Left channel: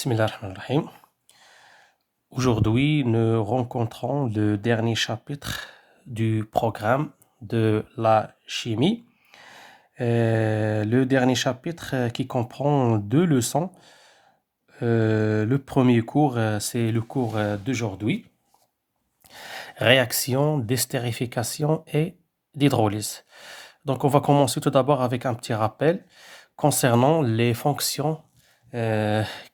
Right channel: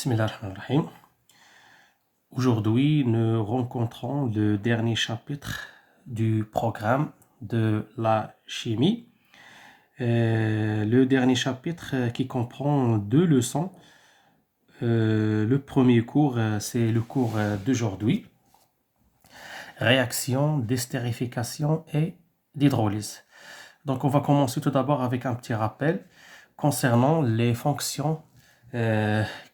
Bismillahirrahmanirrahim. Aujourd'hui, nous rencontrons le dernier chapitre du programme de la chimie. Le dernier chapitre qui comprend 2 leçons. Le premier cours, c'est le cours d'aujourd'hui. Réaction d'estérification et d'hydrolyse. Donc, on va commencer tout d'abord avec un petit rappel concernant les fonctions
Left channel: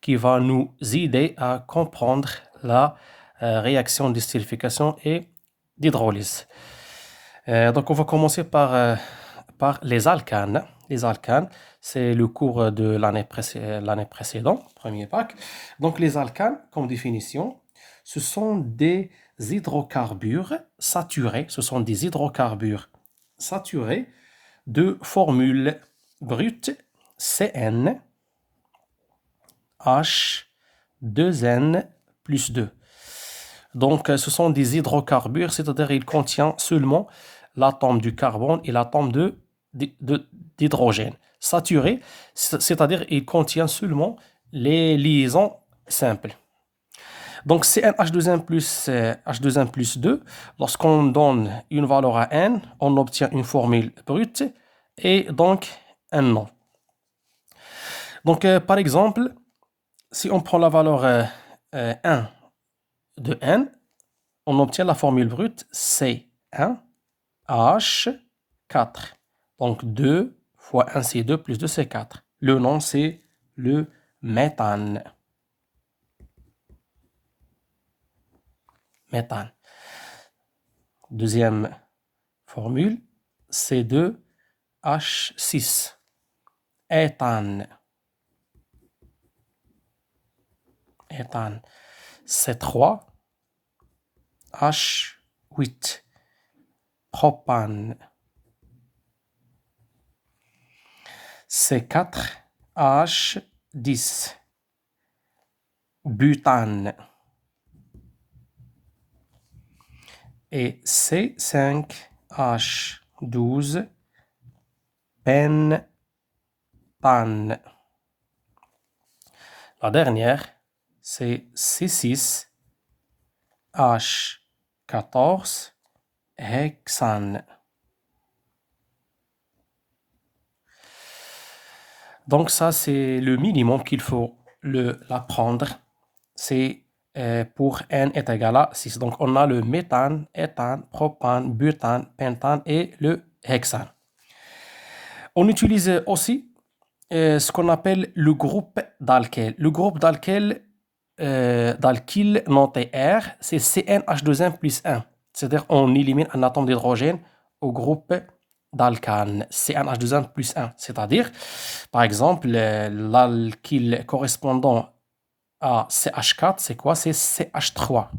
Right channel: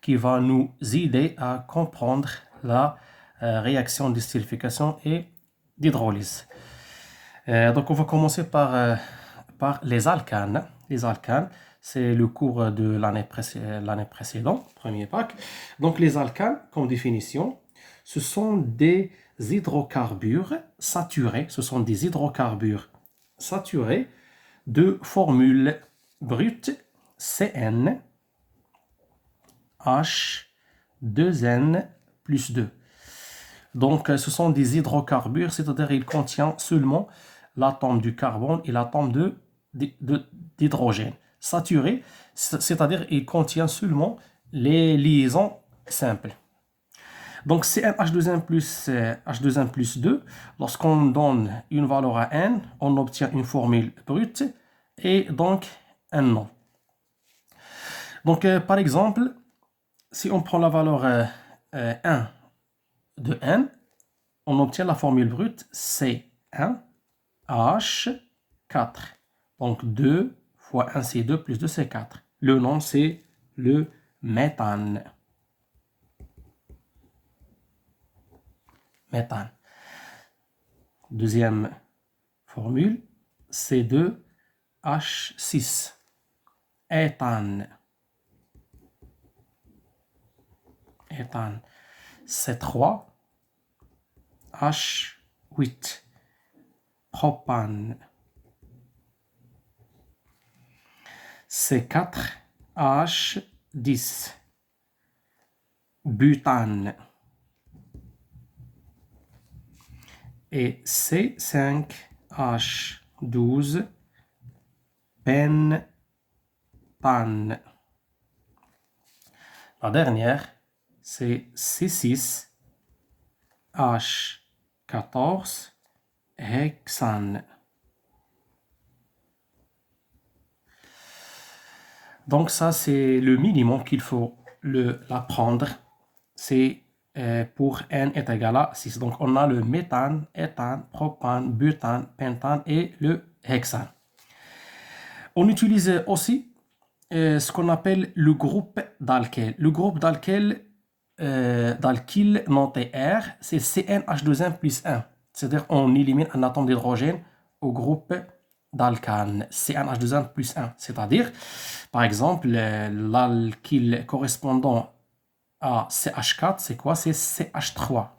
qui va nous aider à comprendre la réaction d'estérification et d'hydrolyse. Donc, on va commencer par les alcanes. Les alcanes, c'est le cours de l'année précédente, premier bac. Donc, les alcanes, comme définition, ce sont des hydrocarbures saturés. Ce sont des hydrocarbures saturés de formule brute CN H 2N plus 2. Donc, ce sont des hydrocarbures, c'est-à-dire qu'ils contiennent seulement l'atome du carbone et l'atome d'hydrogène. Saturé, c'est-à-dire qu'ils contiennent seulement les liaisons simples. Donc, CnH2n plus H2n plus 2, lorsqu'on donne une valeur à n, on obtient une formule brute et donc un nom. Donc, par exemple, si on prend la valeur 1 de n, on obtient la formule brute C1H4. Donc 2 fois 1 c'est 2 plus 2 c'est 4. Le nom c'est le méthane. Méthane. Deuxième formule, C2H6. Éthane. Éthane. C3H8. Propane. C4H10. Butane. Et C5H12. Pentane. La dernière, c'est C6H14 hexane. Donc ça, c'est le minimum qu'il faut l'apprendre. C'est pour n est égal à 6. Donc on a le méthane, éthane, propane, butane, pentane et le hexane. On utilise aussi ce qu'on appelle le groupe d'alkèle. Le groupe d'alkèle noté R, c'est CnH2n plus 1. C'est-à-dire on élimine un atome d'hydrogène au groupe d'alcane, CnH2n plus 1. C'est-à-dire, par exemple, l'alkyle correspondant à CH4, c'est quoi? C'est CH3.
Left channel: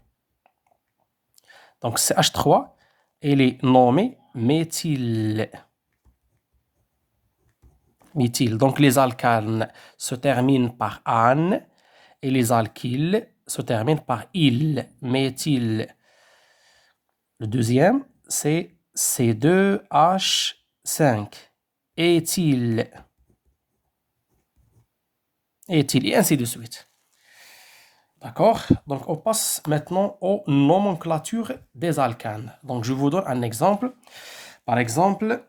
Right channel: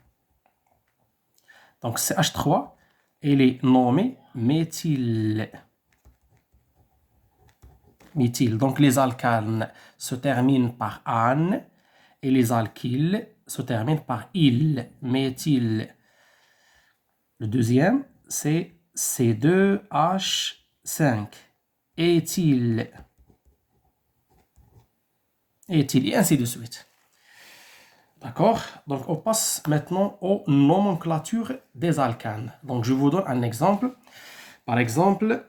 Donc CH3, il est nommé méthyle. Donc les alcanes se terminent par -ane et les alkyles se terminent par -ile, méthyle. Le deuxième, c'est C2H5, éthyle. Éthyle, et ainsi de suite. D'accord? Donc, on passe maintenant aux nomenclatures des alcanes. Donc, je vous donne un exemple. Par exemple,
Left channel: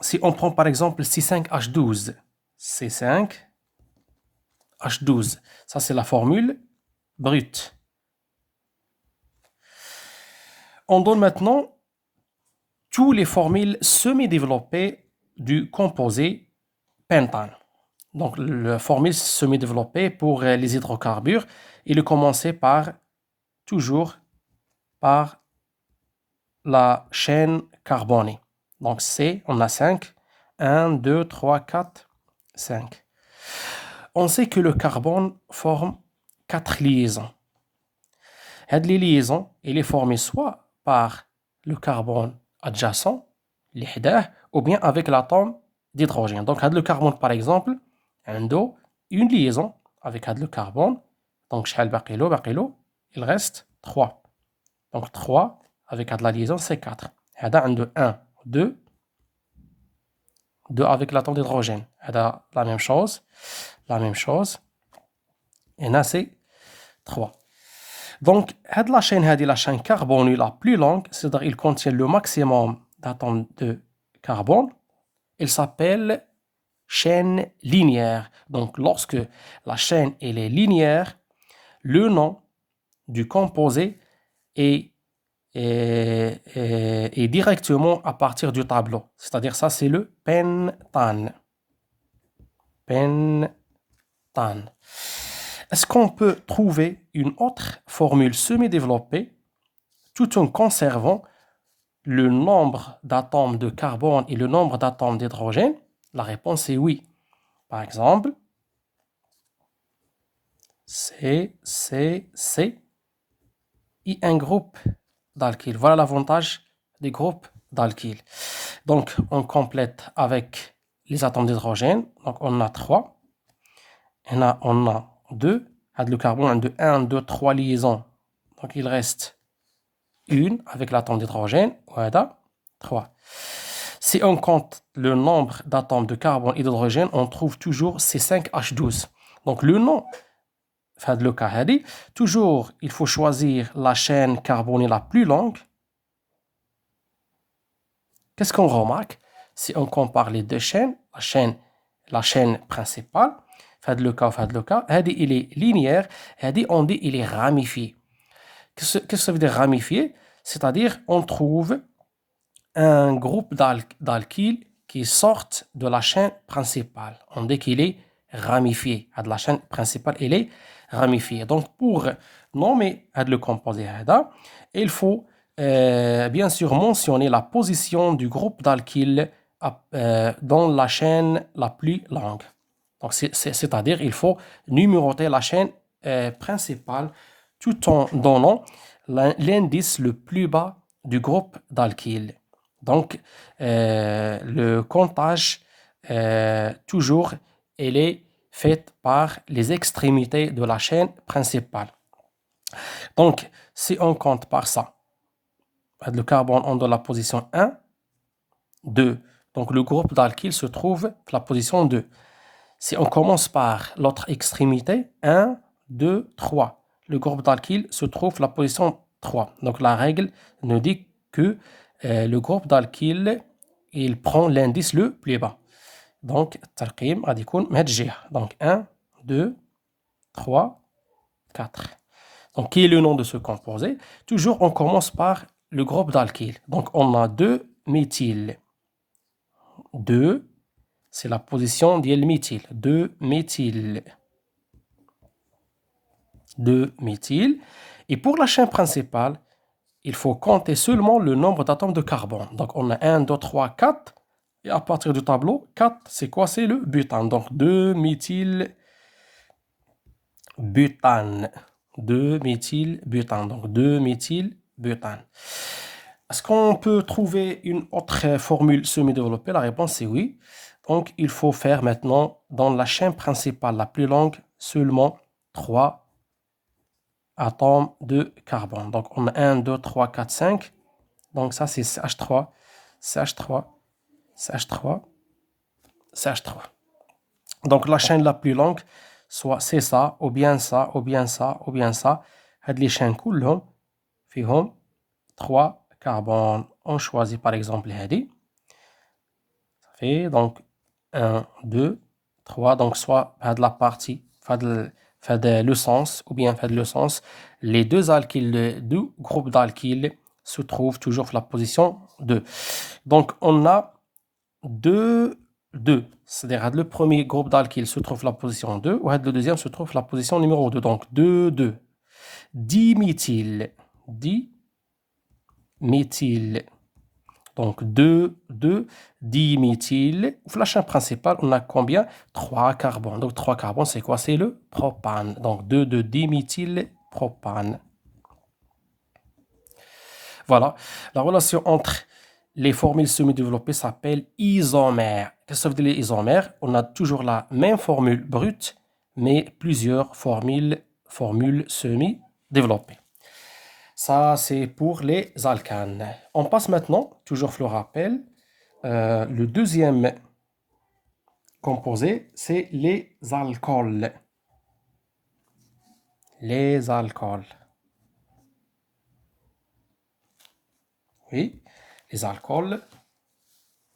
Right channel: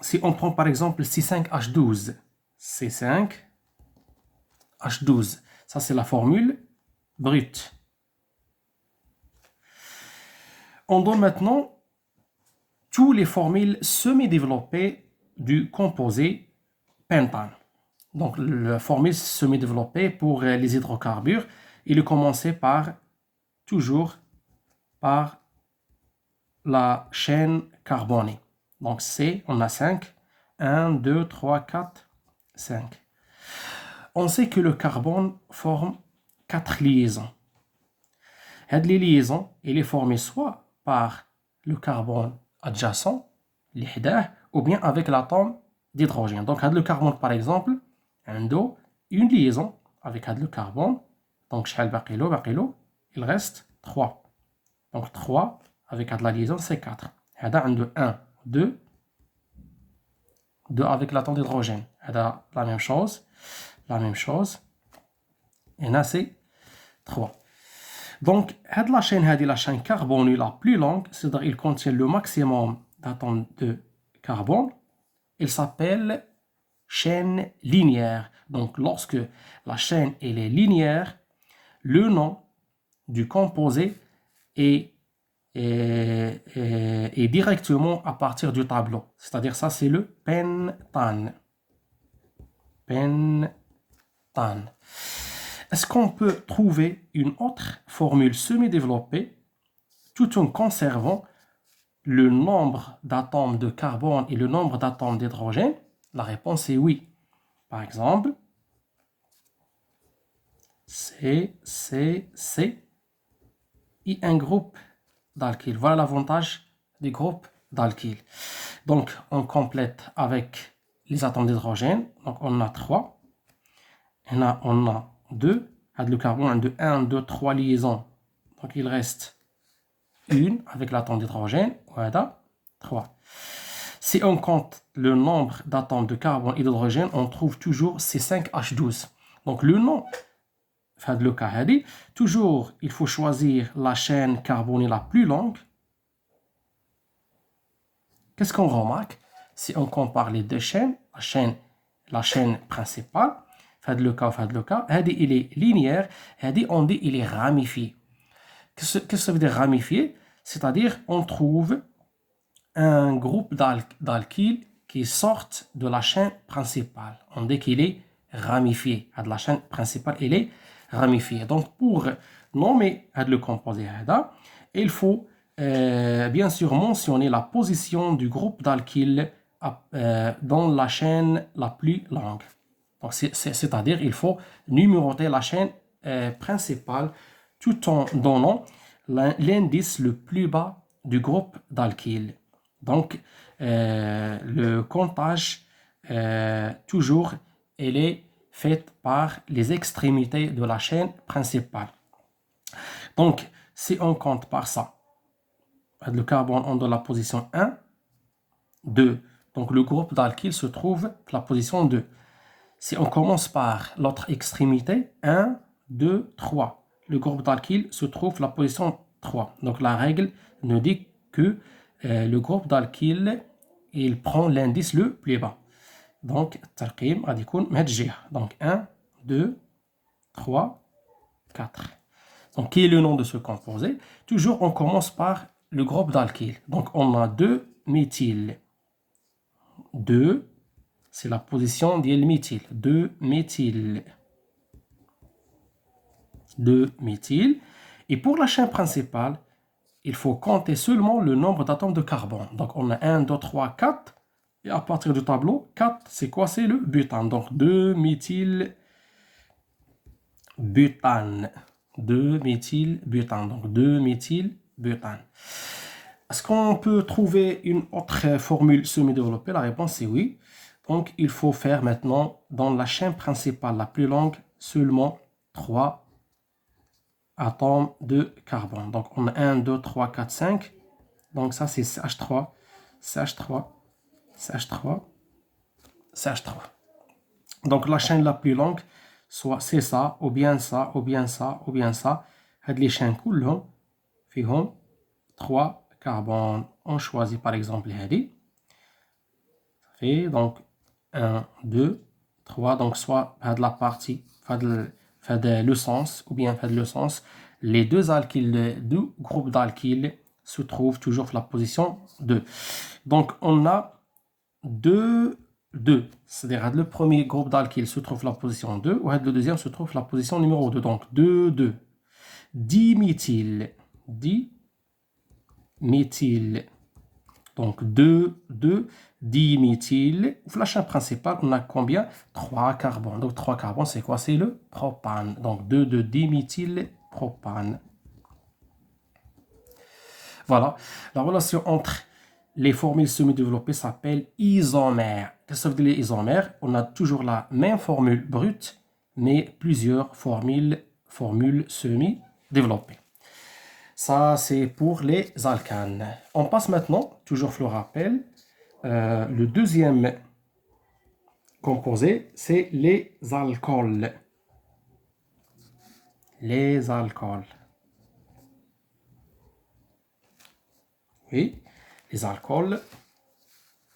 si on prend par exemple C5H12, C5H12, ça c'est la formule brute. On donne maintenant toutes les formules semi-développées du composé pentane. Donc, la formule semi-développée pour les hydrocarbures, il est commencé toujours par la chaîne carbonée. Donc, on a 5. 1, 2, 3, 4, 5. On sait que le carbone forme 4 liaisons. Cette liaison, il est formé soit par le carbone adjacent, ou bien avec l'atome d'hydrogène. Donc, le carbone, par exemple, une liaison avec le carbone. Donc, il reste 3. Donc, 3 avec la liaison, c'est 4. 1, 2, 2 avec l'atome d'hydrogène. La même chose. et là c'est 3. Donc, la chaîne carbone la plus longue, c'est-à-dire il contient le maximum d'atomes de carbone, elle s'appelle chaîne linéaire. Donc, lorsque la chaîne elle est linéaire, le nom du composé est directement à partir du tableau. C'est-à-dire ça, c'est le pentane. Pentane. Est-ce qu'on peut trouver une autre formule semi-développée tout en conservant le nombre d'atomes de carbone et le nombre d'atomes d'hydrogène? La réponse est oui. Par exemple, C et un groupe d'alkyl. Voilà l'avantage des groupes d'alkyl. Donc, on complète avec les atomes d'hydrogène. Donc, on a 3. On a 2. Le carbone de 1, 2, 3 liaisons. Donc, il reste une avec l'atome d'hydrogène. Voilà, 3. Si on compte le nombre d'atomes de carbone et d'hydrogène, on trouve toujours C5H12. Donc, le nom, le cas, toujours, il faut choisir la chaîne carbonée la plus longue. Qu'est-ce qu'on remarque? Si on compare les deux chaînes, la chaîne principale, le cas, il est linéaire, on dit il est ramifié. Qu'est-ce que ça veut dire ramifié? C'est-à-dire on trouve un groupe d'alkyles qui sortent de la chaîne principale. On dit qu'il est ramifié. La chaîne principale, il est ramifié. Donc, pour nommer le composé, il faut bien sûr mentionner la position du groupe d'alkyles dans la chaîne la plus longue. Donc, c'est-à-dire il faut numéroter la chaîne principale tout en donnant l'indice le plus bas du groupe d'alkyles. Donc, le comptage, toujours, elle est fait par les extrémités de la chaîne principale. Donc, si on compte par ça, le carbone on donne la position 1, 2. Donc, le groupe d'alkyl se trouve à la position 2. Si on commence par l'autre extrémité, 1, 2, 3. Le groupe d'alkyl se trouve à la position 3. Donc, la règle nous dit que le groupe d'alkyl, il prend l'indice le plus bas. Donc, tarqim غادي يكون من هاد الجهة. Donc, 1, 2, 3, 4. Donc, qui est le nom de ce composé? Toujours, on commence par le groupe d'alkyl. Donc, on a 2 méthyl. 2, c'est la position du méthyl. 2 méthyl. 2 méthyl. Et pour la chaîne principale, il faut compter seulement le nombre d'atomes de carbone. Donc, on a 1, 2, 3, 4. Et à partir du tableau, 4, c'est quoi? C'est le butane. Donc, 2 méthyl butane. 2 méthyl butane. Donc, 2 méthyl butane. Est-ce qu'on peut trouver une autre formule semi-développée? La réponse est oui. Donc, il faut faire maintenant, dans la chaîne principale la plus longue, seulement 3 atomes de carbone. Donc, on a 1, 2, 3, 4, 5. Donc, ça, c'est CH3, CH3, CH3, CH3. Donc, la chaîne la plus longue, soit c'est ça, ou bien ça, ou bien ça, ou bien ça. Les chaînes كلهم فيهم 3 carbone. On choisit par exemple هذه. Ça fait donc 1, 2, 3. Donc, soit la partie, le sens, ou bien le sens, les deux alkyles, deux groupes d'alkyles se trouvent toujours à la position 2. Donc, on a 2, 2. C'est-à-dire le premier groupe d'alkyles se trouve à la position 2, ou le deuxième se trouve à la position numéro 2. Donc, 2, 2. Diméthyl. Diméthyl. Donc, 2, 2, diméthyl. La chaîne principale, on a combien? 3 carbones. Donc, 3 carbones, c'est quoi? C'est le propane. Donc, 2, 2, diméthyl propane. Voilà. La relation entre les formules semi-développées s'appelle isomère. Qu'est-ce que ça veut dire les isomères? On a toujours la même formule brute, mais plusieurs formules semi-développées. Ça, c'est pour les alcanes. On passe maintenant, toujours je le rappelle, le deuxième composé, c'est les alcools. Les alcools. Oui, les alcools,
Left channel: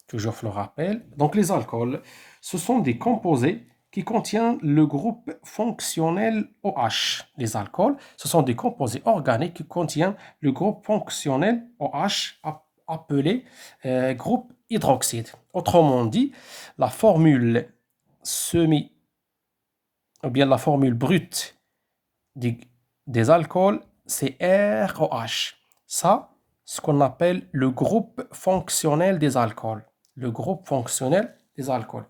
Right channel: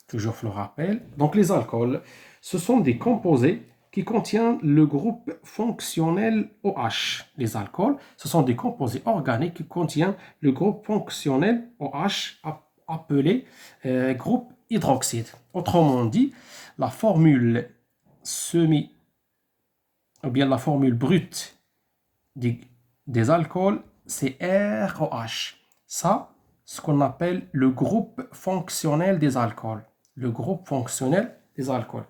toujours je le rappelle. Donc les alcools, ce sont des composés qui contiennent le groupe fonctionnel OH. Les alcools, ce sont des composés organiques qui contiennent le groupe fonctionnel OH appelé groupe hydroxyde. Autrement dit, la formule semi, ou bien la formule brute des alcools, c'est ROH. Ça, ce qu'on appelle le groupe fonctionnel des alcools. Le groupe fonctionnel des alcools.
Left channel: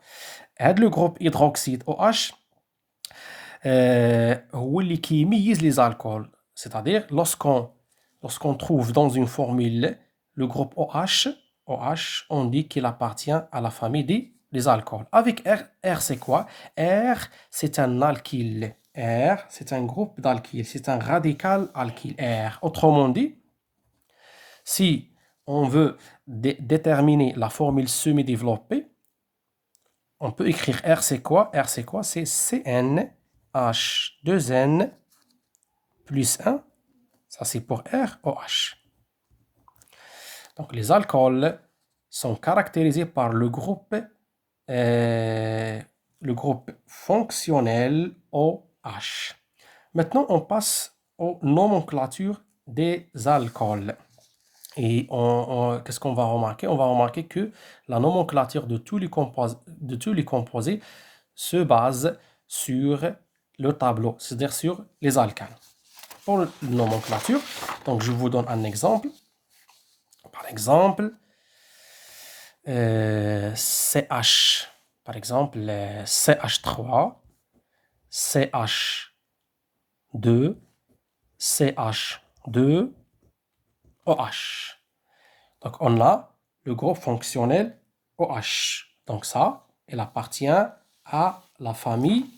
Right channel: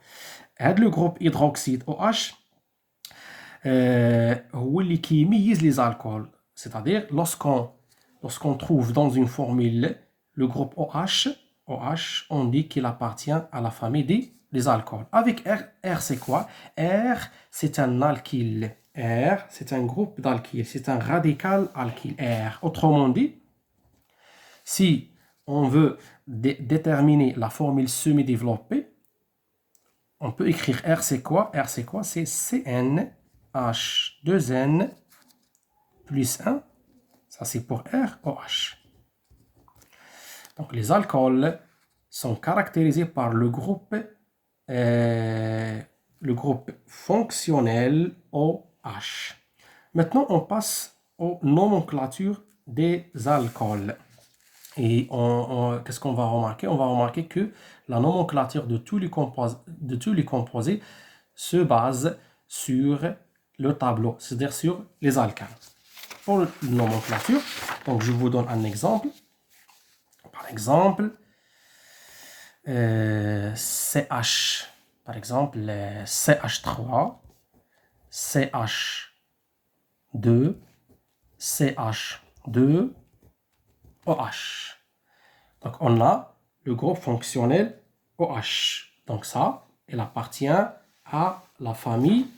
Et le groupe hydroxyde OH, هو اللي كيميز les alcools. C'est-à-dire, lorsqu'on trouve dans une formule le groupe OH, on dit qu'il appartient à la famille des alcools. Avec R, c'est quoi? R, c'est un alkyle. R, c'est un groupe d'alkyle. C'est un radical alkyle. R. Autrement dit, si on veut déterminer la formule semi-développée, on peut écrire R, c'est quoi? R, c'est quoi? C'est CnH2n plus 1. Ça, c'est pour ROH. Donc, les alcools sont caractérisés par le groupe fonctionnel OH. Maintenant, on passe aux nomenclatures des alcools. Et qu'est-ce qu'on va remarquer? On va remarquer que la nomenclature de tous les composés se base sur le tableau, c'est-à-dire sur les alcanes. Pour la nomenclature, donc je vous donne un exemple. Par exemple, CH, par exemple, CH3, CH2, CH2, OH. Donc, on a le groupe fonctionnel OH. Donc, ça, il appartient à la famille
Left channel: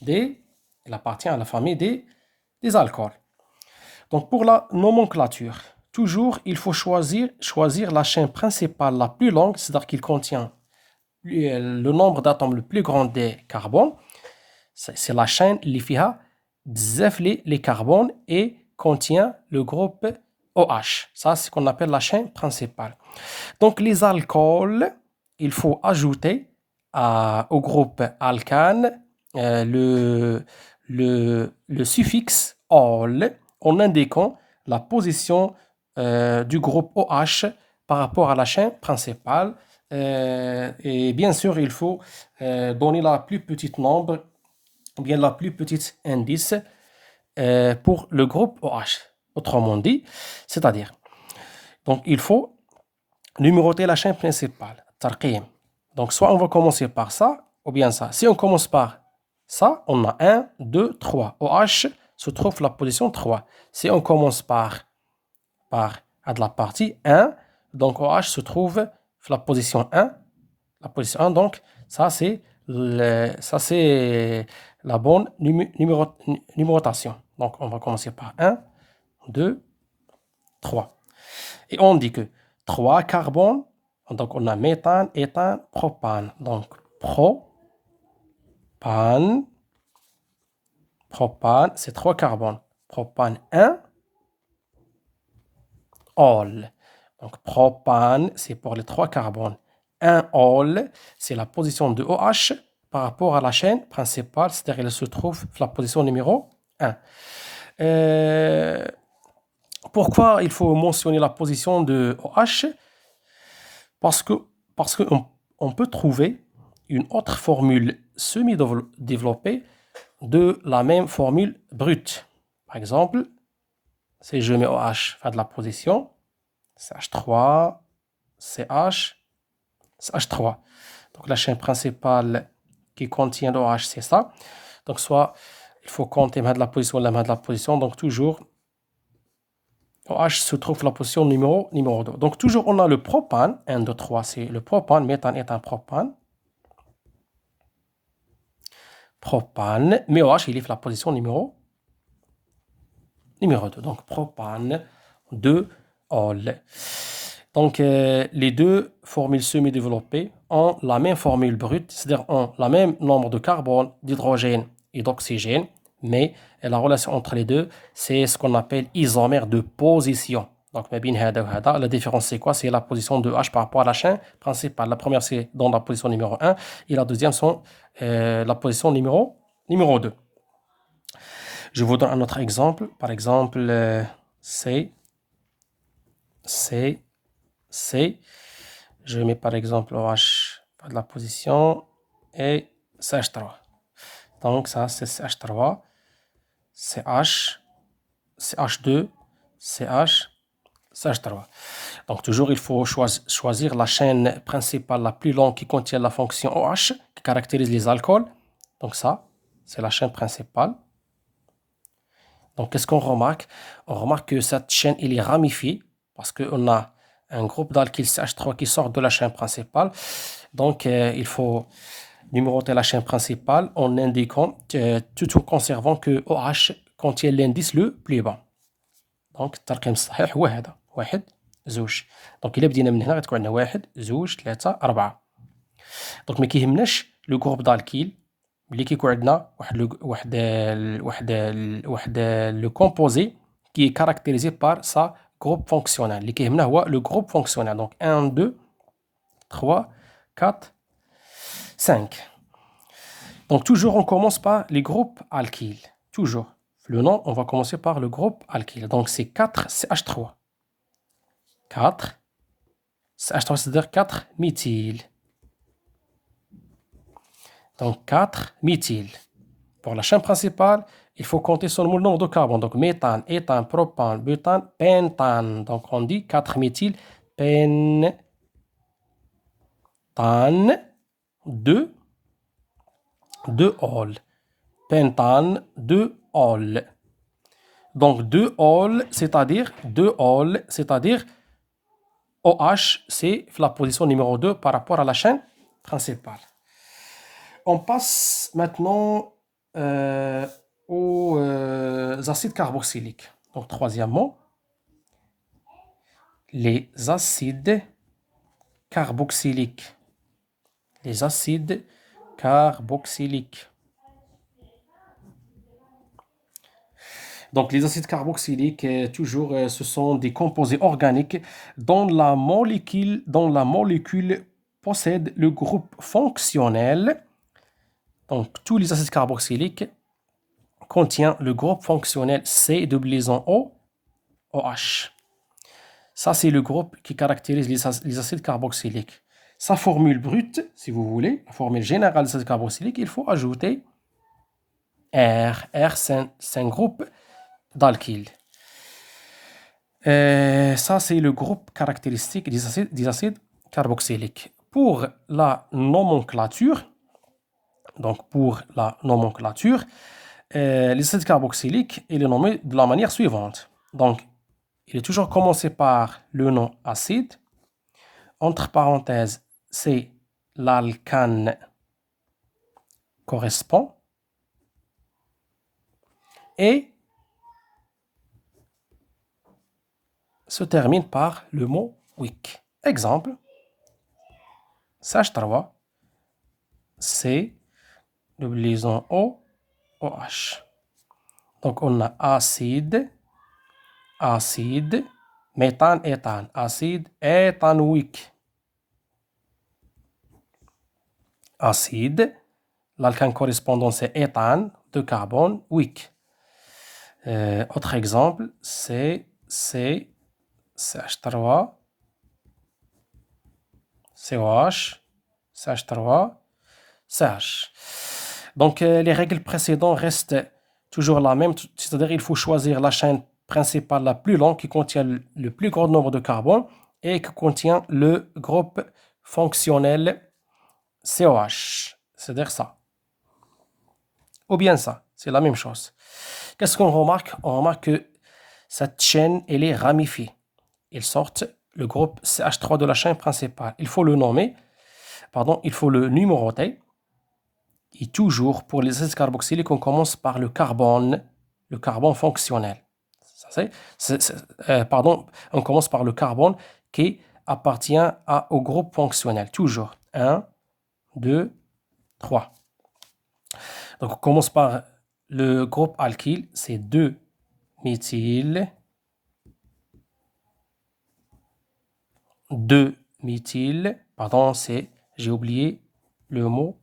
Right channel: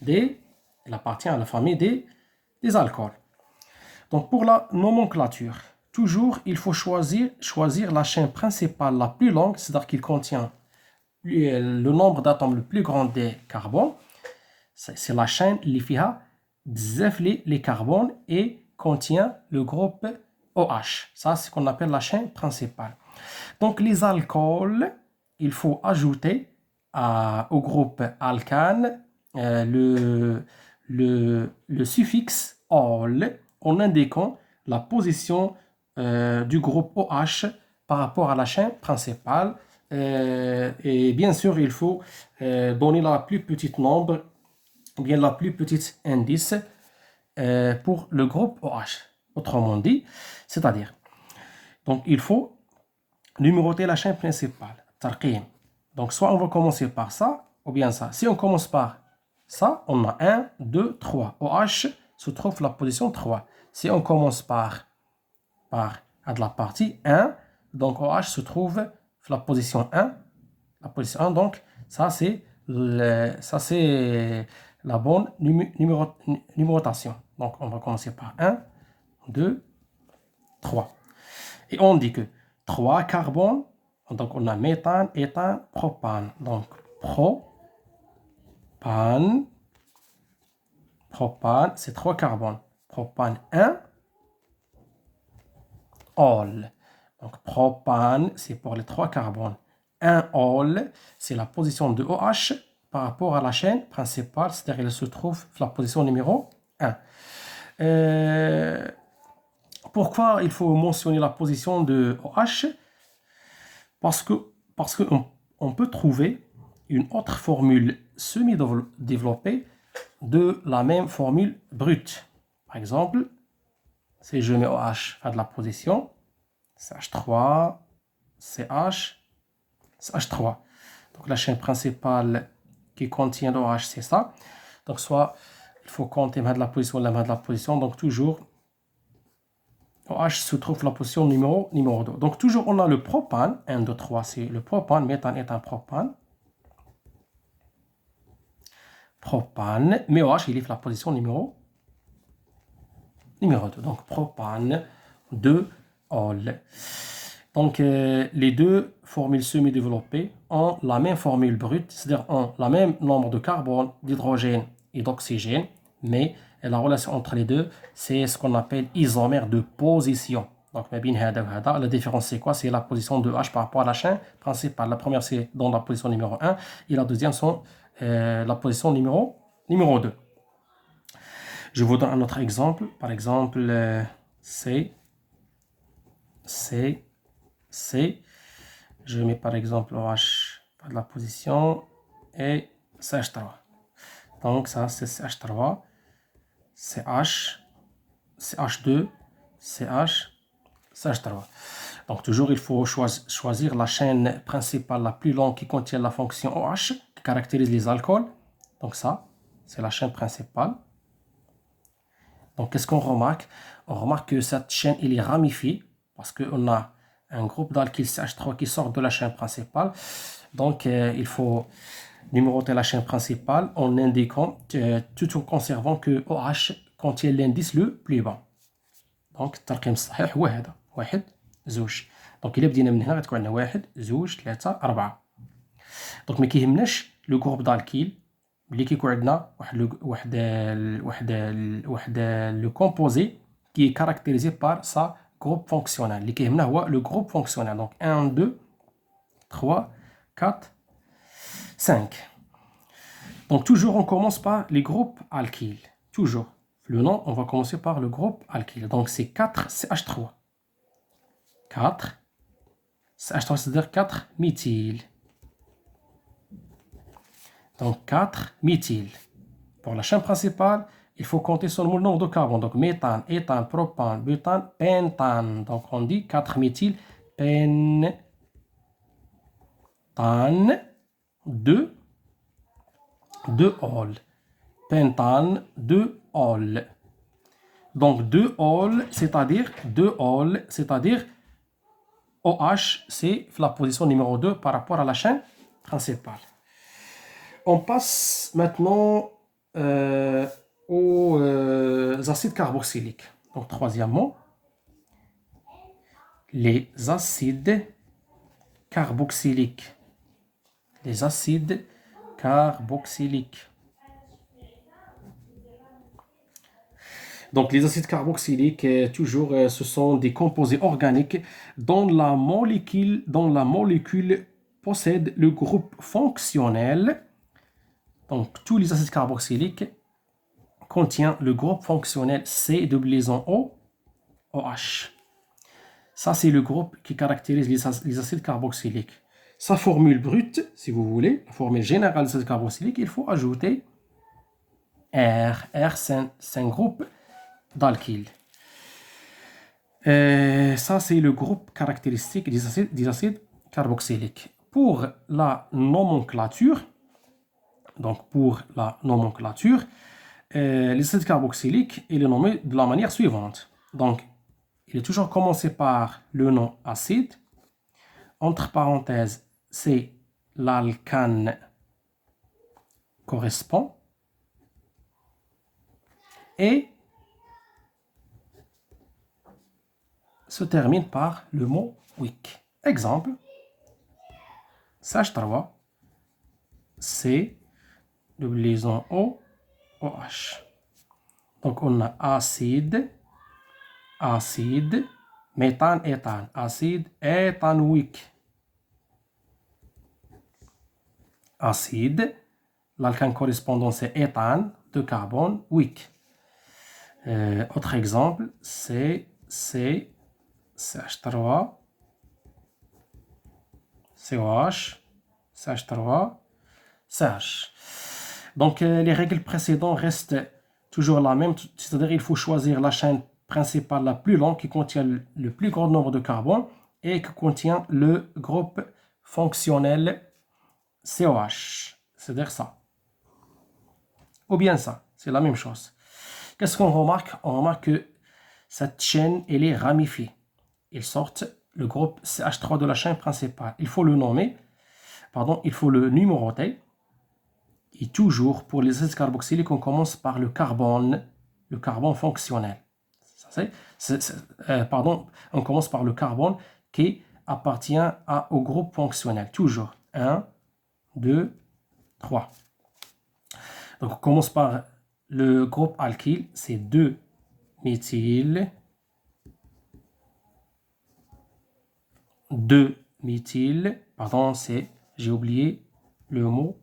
des alcools. Donc, pour la nomenclature, toujours, il faut choisir la chaîne principale la plus longue, c'est-à-dire qu'il contient le nombre d'atomes le plus grand des carbones. C'est la chaîne qui a les carbones et contient le groupe OH. Ça, c'est ce qu'on appelle la chaîne principale. Donc, les alcools, il faut ajouter au groupe alcane le suffixe ol en indiquant la position du groupe OH par rapport à la chaîne principale. Et bien sûr, il faut donner la plus petite nombre, ou bien la plus petite indice pour le groupe OH. Autrement dit, c'est-à-dire, donc il faut numéroter la chaîne principale, tarqim. Donc soit on va commencer par ça, ou bien ça. Si on commence par ça, on a 1, 2, 3. OH se trouve la position 3. Si on commence par à de la partie 1, donc OH se trouve la position 1. La position 1, donc ça c'est la bonne numérotation. Donc on va commencer par 1, 2, 3. Et on dit que 3 carbones, donc on a méthane, éthane, propane. Donc propane, c'est 3 carbones. Propane 1, ol. Donc propane, c'est pour les 3 carbones. 1 ol, c'est la position de OH par rapport à la chaîne principale, c'est-à-dire elle se trouve la position numéro 1. Pourquoi il faut mentionner la position de OH? Parce qu'on peut trouver une autre formule semi-développée de la même formule brute. Par exemple, si je mets OH à de la position, CH3, CH, CH3. Donc la chaîne principale qui contient l'OH, c'est ça. Donc soit il faut compter de la position, la main de la position. Donc toujours OH se trouve la position numéro 2. Donc toujours on a le propane, 1, 2, 3, c'est le propane, méthane est un propane. Propane, mais OH il est la position numéro 2. Donc propane, 2, ol. Donc les deux formules semi-développées ont la même formule brute, c'est-à-dire ont le même nombre de carbone, d'hydrogène et d'oxygène, mais la relation entre les deux, c'est ce qu'on appelle isomère de position. Donc, la différence, c'est quoi? C'est la position de H par rapport à la chaîne principale. La première, c'est dans la position numéro 1, et la deuxième, sont la position numéro 2. Je vous donne un autre exemple. Par exemple, C. Je mets par exemple OH de la position et CH3. Donc, ça, c'est CH3, CH, CH2, CH, CH3. Donc, toujours, il faut choisir la chaîne principale la plus longue qui contient la fonction OH, qui caractérise les alcools. Donc, ça, c'est la chaîne principale. Donc, qu'est-ce qu'on remarque? On remarque que cette chaîne, elle est ramifiée parce qu'on a un groupe d'alkyl CH3 qui sort de la chaîne principale. Donc, il faut numéroter la chaîne principale en indiquant, tout en conservant que OH contient l'indice le plus bas. Donc, الترقيم الصحيح هو هذا 1 2. دونك إلا بدينا من هنا غتكون عندنا 1 2 3 4. دونك ما كيهمناش لو جروب دالكيل ملي كيكون عندنا واحد لو كومبوزي كي كاركتيريزي بار سا جروب فونكسيونال. اللي كيهمنا هو لو جروب فونكسيونال. دونك 1 2 3 4 5. Donc, toujours, on commence par les groupes alkyles. Toujours. Le nom, on va commencer par le groupe alkyle. Donc, c'est 4 CH3. 4 CH3, c'est-à-dire 4 méthyle. Donc, 4 méthyle. Pour la chaîne principale, il faut compter seulement le nombre de carbone. Donc, méthane, éthane, propane, butane, pentane. Donc, on dit 4 méthyle, pentane, 2 all. Pentane, 2 all. Donc, 2 all, c'est-à-dire OH, c'est la position numéro 2 par rapport à la chaîne principale. On passe maintenant aux acides carboxyliques. Donc, troisièmement, les acides carboxyliques. Les acides carboxyliques. Donc, les acides carboxyliques, toujours, ce sont des composés organiques dont la molécule possède le groupe fonctionnel. Donc, tous les acides carboxyliques contiennent le groupe fonctionnel C de liaison O, OH. Ça, c'est le groupe qui caractérise les acides carboxyliques. Sa formule brute, si vous voulez, la formule générale des acides carboxyliques, il faut ajouter R. R, c'est un groupe d'alkyle. Ça, c'est le groupe caractéristique des acides carboxyliques. Pour la nomenclature, les acides carboxyliques, il est nommé de la manière suivante. Donc, il est toujours commencé par le nom acide. Entre parenthèses, c'est l'alcane correspond. Et se termine par le mot weak. Exemple, CH3, C, double liaison O, OH. Donc, on a acide, méthane, éthane, acide, éthanoïque. Acide, l'alcane correspondant c'est éthane, de carbone, weak. Autre exemple, c'est CH3, COH, CH3, CH. Donc, les règles précédentes restent toujours la même, c'est-à-dire il faut choisir la chaîne principale la plus longue qui contient le plus grand nombre de carbone et qui contient le groupe fonctionnel COH. C'est-à-dire ça. Ou bien ça, c'est la même chose. Qu'est-ce qu'on remarque? On remarque que cette chaîne, elle est ramifiée. Il sort le groupe CH3 de la chaîne principale. Il faut le numéroter. Et toujours, pour les acides carboxyliques, on commence par le carbone fonctionnel. On commence par le carbone qui appartient au groupe fonctionnel. Toujours. 1, 2, 3. Donc, on commence par le groupe alkyle, c'est 2-méthyl. 2-méthyl. Pardon, j'ai oublié le mot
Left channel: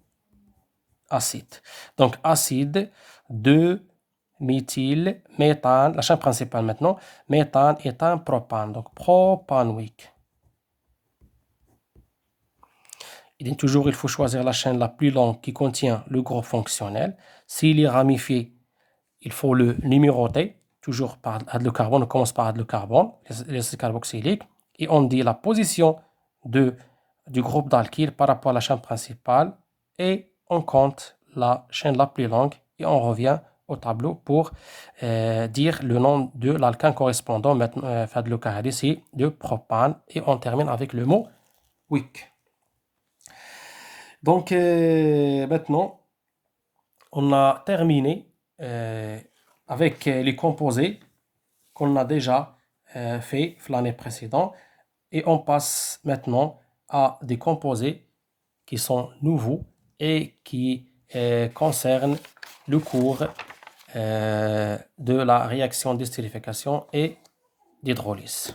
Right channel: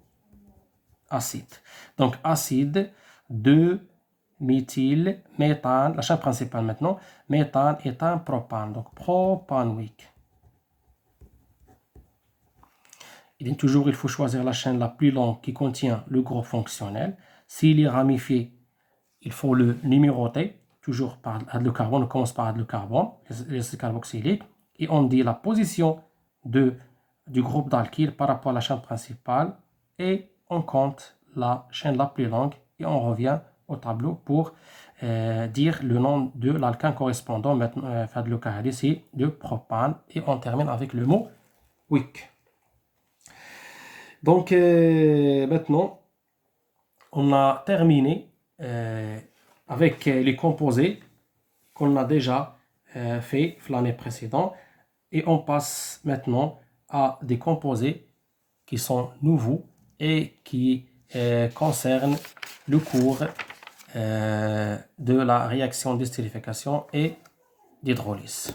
acide. Donc, acide, 2-méthyl, méthane, la chaîne principale maintenant, méthane, éthane, propane. Donc, propanoïque. Il faut choisir la chaîne la plus longue qui contient le groupe fonctionnel. S'il est ramifié, il faut le numéroter, toujours par hydrocarbone. On commence par hydrocarbone, l'acide carboxylique, et on dit la position du groupe d'alkyle par rapport à la chaîne principale, et on compte la chaîne la plus longue, et on revient au tableau pour dire le nom de l'alkane correspondant à hydrocarbone, ici de propane, et on termine avec le mot wick. Donc maintenant, on a terminé avec les composés qu'on a déjà fait l'année précédente, et on passe maintenant à des composés qui sont nouveaux et qui concernent le cours de la réaction d'esterification et d'hydrolyse.